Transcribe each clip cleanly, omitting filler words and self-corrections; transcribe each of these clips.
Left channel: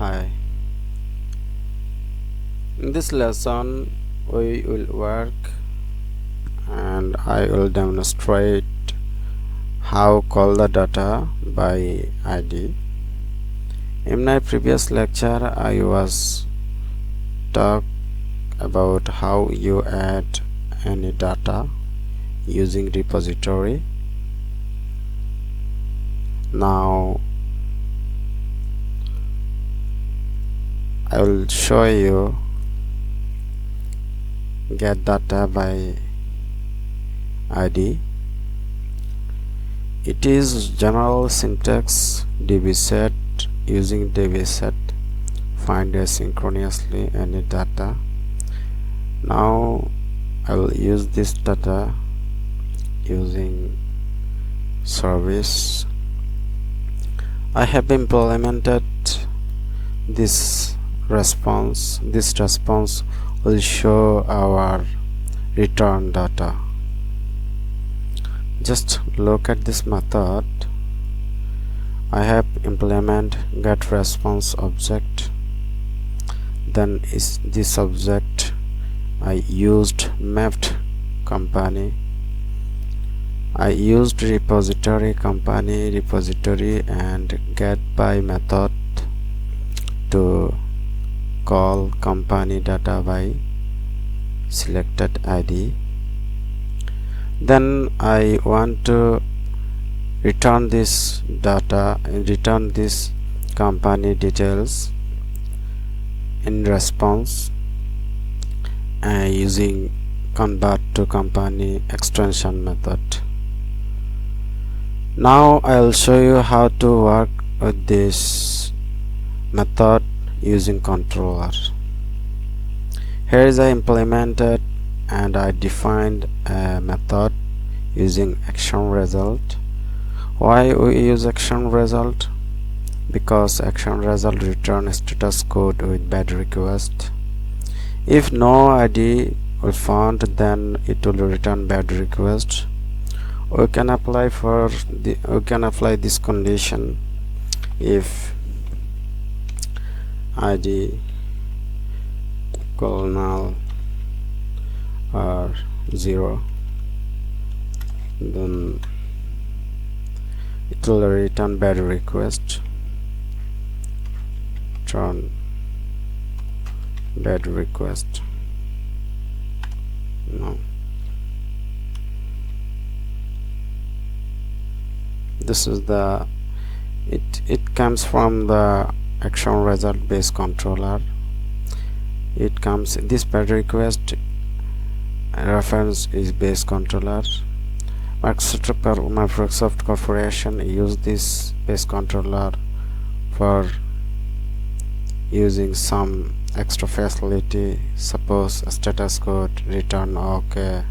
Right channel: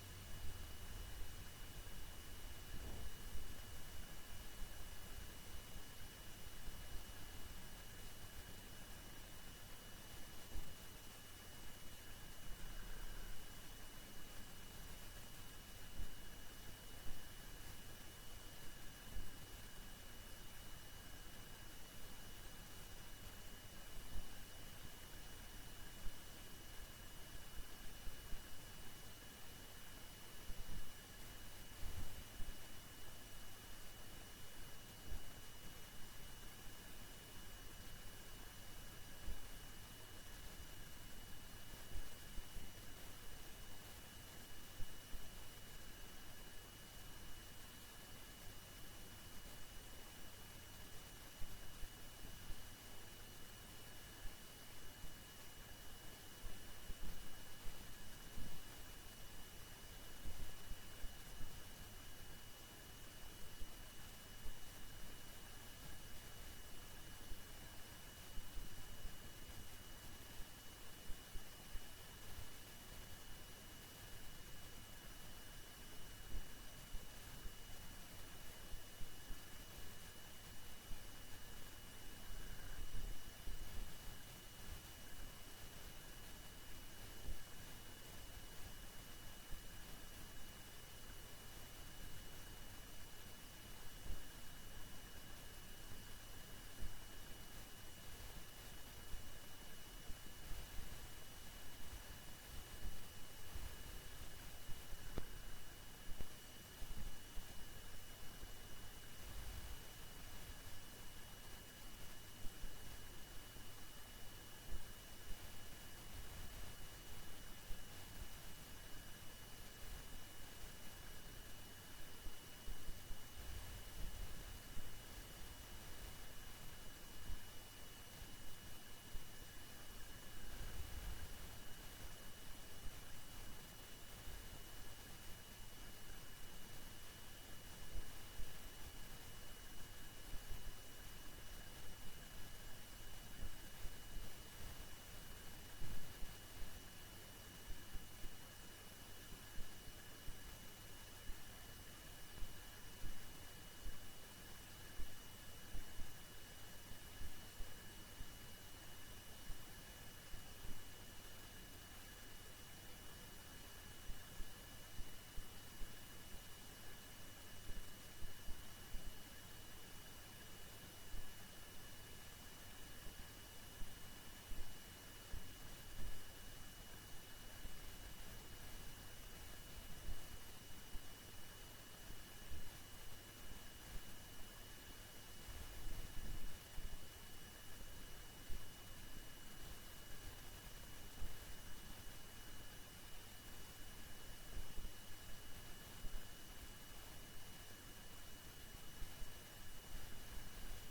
Hi, in this lesson we will work and I will demonstrate how call the data by ID. In my previous lecture I was talk about how you add any data using repository. Now I will show you get data by ID. It is general syntax dbset. Using dbset find asynchronously any data. Now I will use this data using service. I have implemented this response. This response will show our return data. Just look at this method. I have implement get response object. Then is this object I used mapped company. I used repository company repository and get by method to call company data by selected ID. Then I want to return this data and return this company details in response using convert to company extension method. Now I will show you how to work with this method using controller. Here is I implemented and I defined a method using action result. Why we use action result? Because action result return status code with bad request. If no ID will found, then it will return bad request. We can apply this condition if ID equal null or 0, then it will return bad request. Return bad request. No. This is the it comes from the action result based controller. It comes this bad request reference is base controller. Microsoft Corporation use this base controller for using some extra facility. Suppose a status code return okay,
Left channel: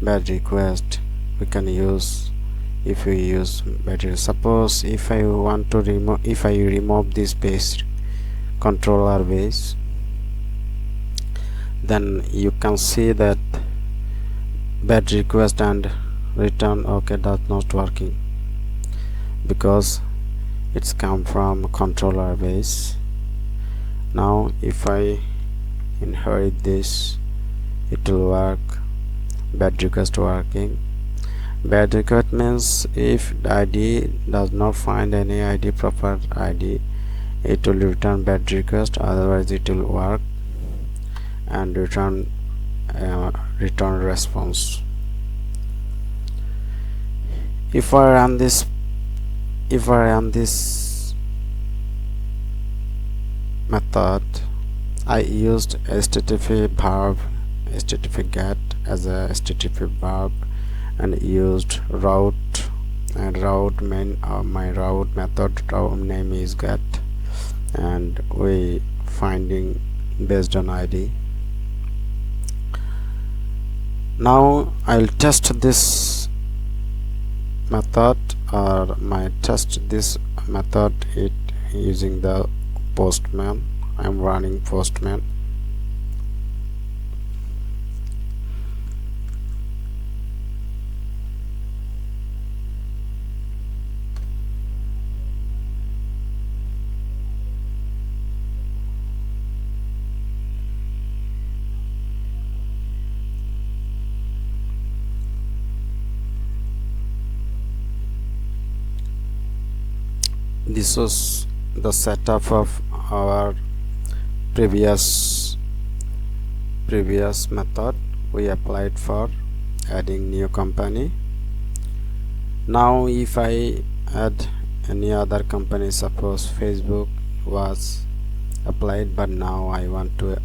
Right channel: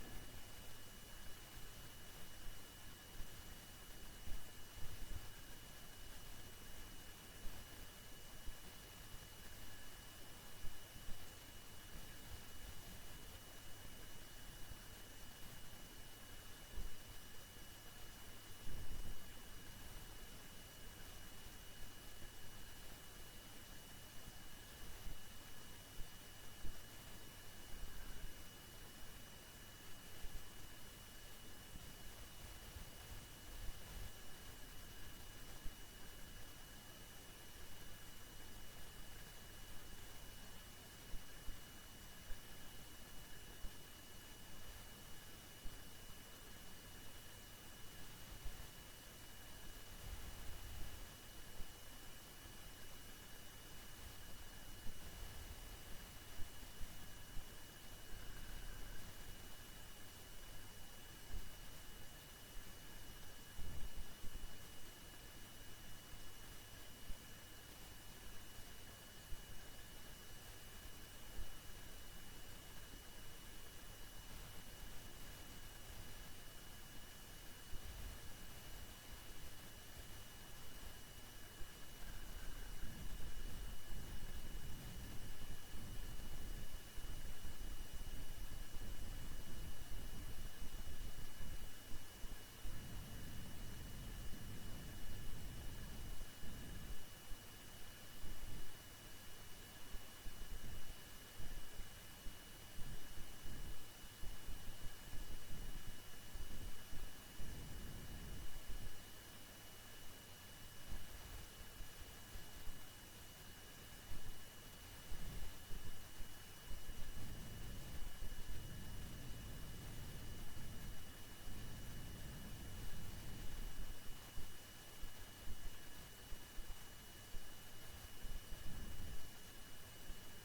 bad request we can use if we use better. Suppose if I want to remove this base controller base, then you can see that bad request and return okay does not working because it's come from controller base. Now if I inherit this, it will work. Bad request working. Bad request means if the ID does not find any ID proper ID, it will return bad request, otherwise it will work and return response. If I run this method, I used http verb, http get as a http verb, and used route and route main. My route method route name is get, and we finding based on ID. Now I'll test this method this method it using the Postman. I'm running Postman. This was the setup of our previous method we applied for adding new company. Now if I add any other company, suppose Facebook was applied, but now I want to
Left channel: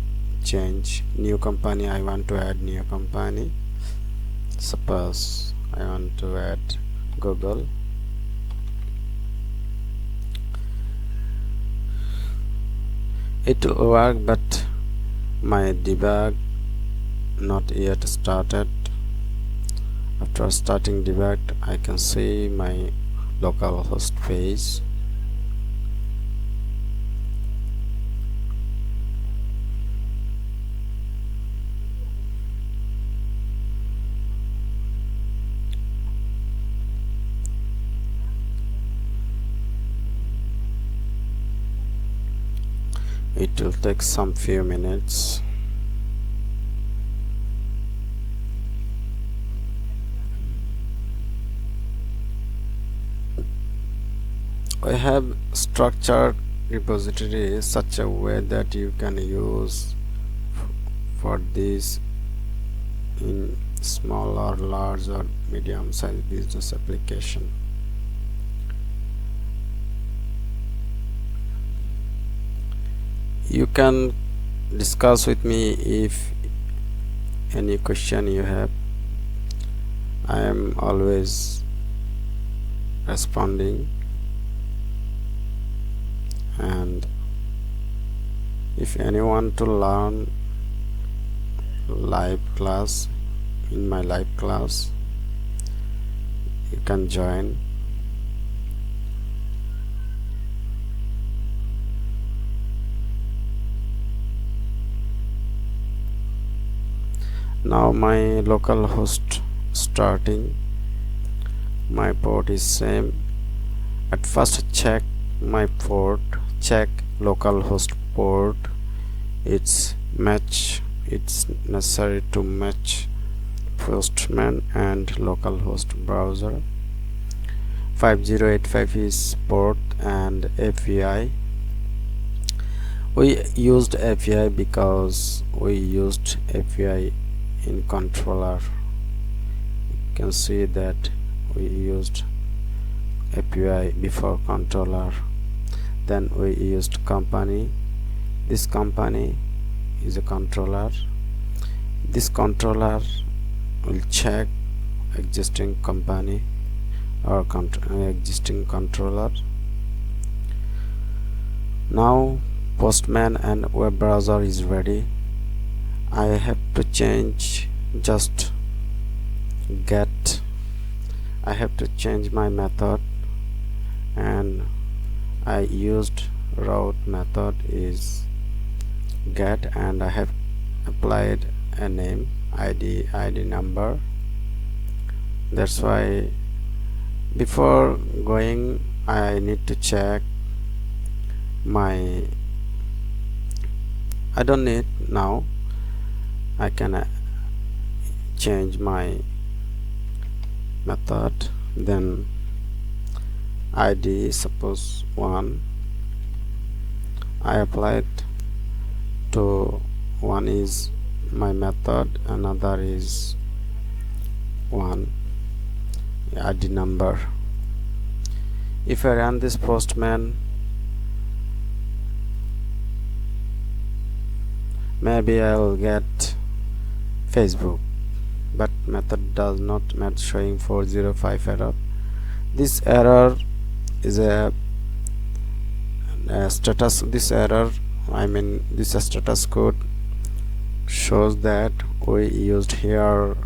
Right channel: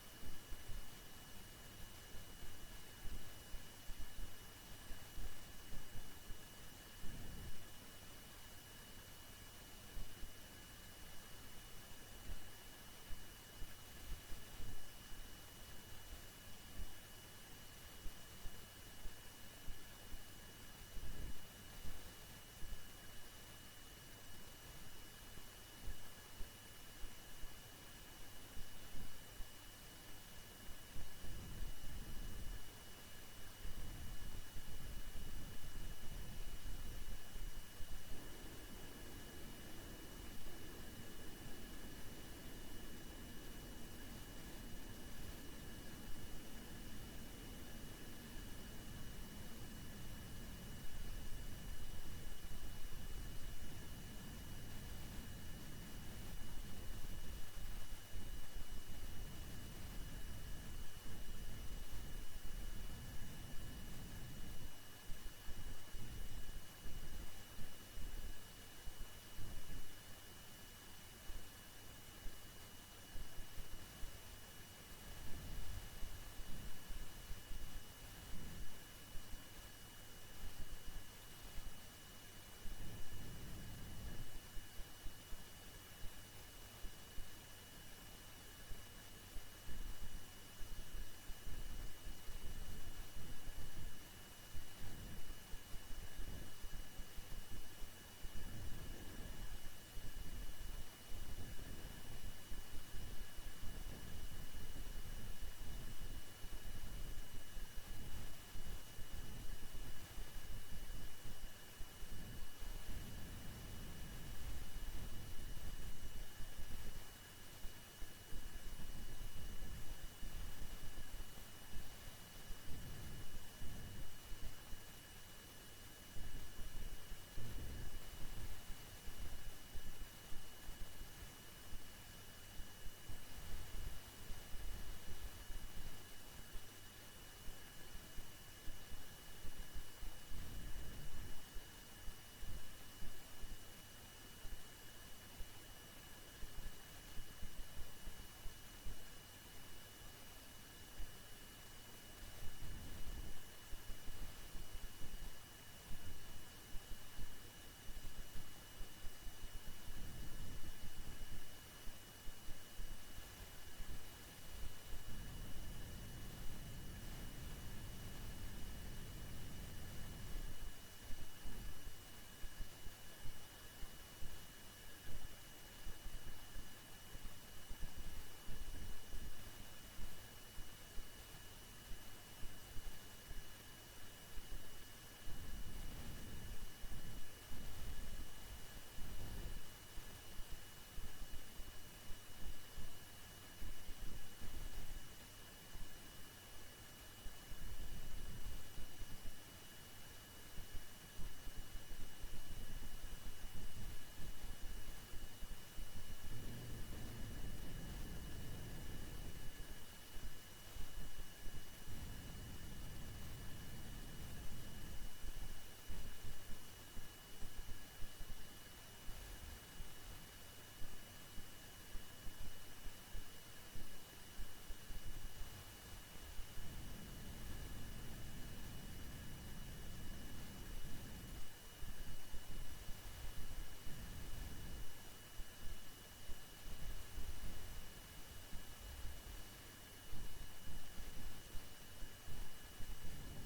change new company, I want to add new company. Suppose I want to add Google. It will work, but my debug not yet started. After starting debug, I can see my localhost page. It will take some few minutes. I have structured repository such a way that you can use for this in small or large or medium sized business application. You can discuss with me if any question you have. I am always responding, and if anyone to learn live class, in my live class you can join. Now my local host starting, my port is same. At first check my port, check localhost port, it's necessary to match Postman and localhost browser. 5085 is port and API. We used API because we used API in controller. You can see that we used API before controller. Then we used company. This company is a controller. This controller will check existing company or existing controller. Now Postman and web browser is ready. I have to change just get. I have to change my method, and I used route method is get, and I have applied a name, ID number. That's why before going I need to check my, I don't need now, I can change my method. Then ID suppose 1, I applied to 1 is my method, another is 1 ID number. If I run this Postman, maybe I'll get Facebook, but method does not match, showing 405 error. This error is a status. This error, I mean this status code shows that we used here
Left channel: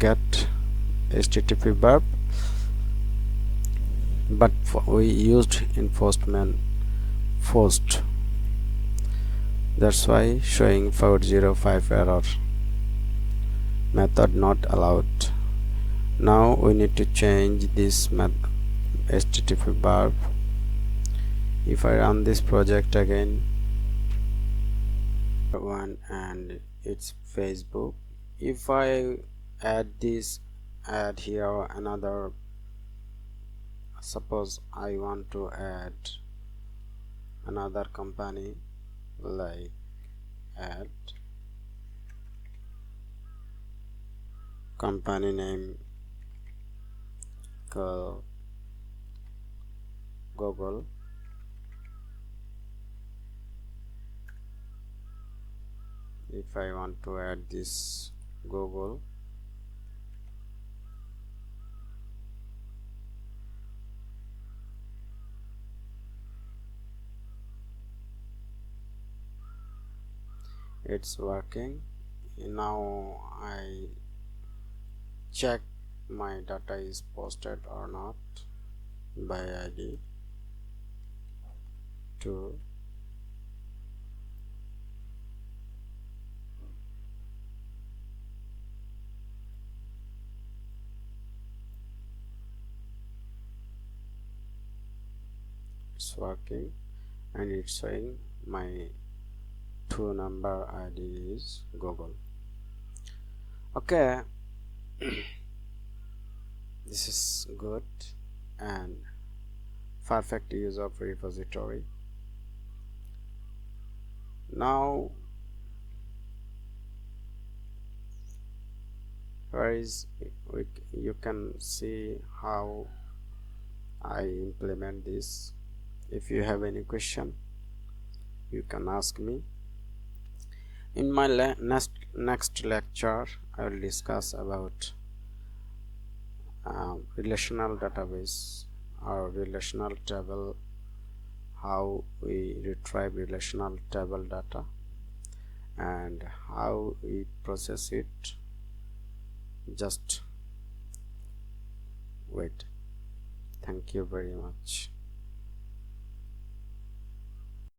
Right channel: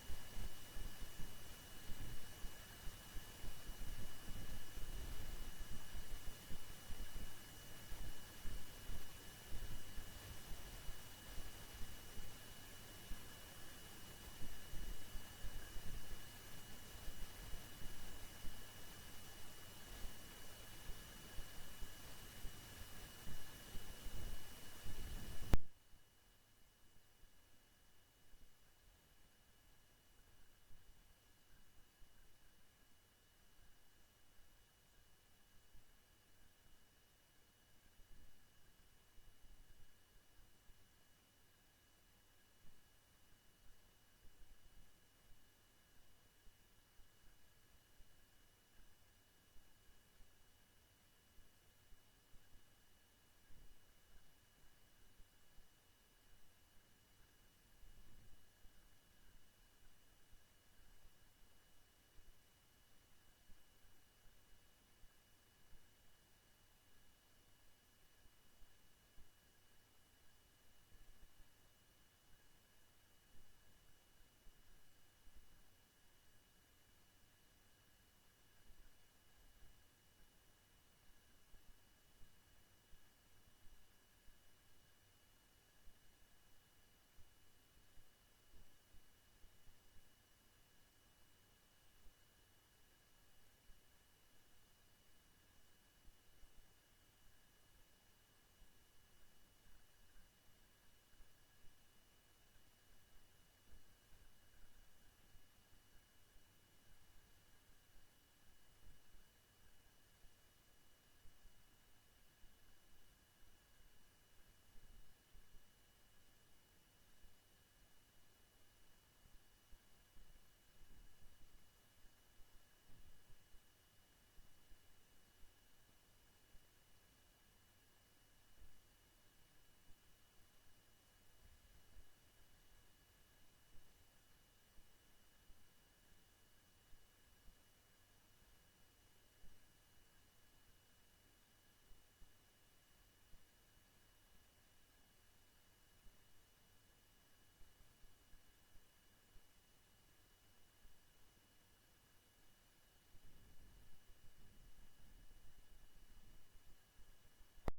get HTTP verb, but we used in Postman post. That's why showing 405 error, method not allowed. Now we need to change this HTTP verb. If I run this project again, one, and it's Facebook. If I add here another, suppose I want to add another company, like add company name Google. If I want to add this Google, it's working. Now I check my data is posted or not by ID to it's working, and it's showing my 2-number ID is Google. Okay, this is good and perfect use of repository. Now you can see how I implement this. If you have any question, you can ask me. In my next lecture, I will discuss about relational database or relational table, how we retrieve relational table data and how we process it. Just wait. Thank you very much.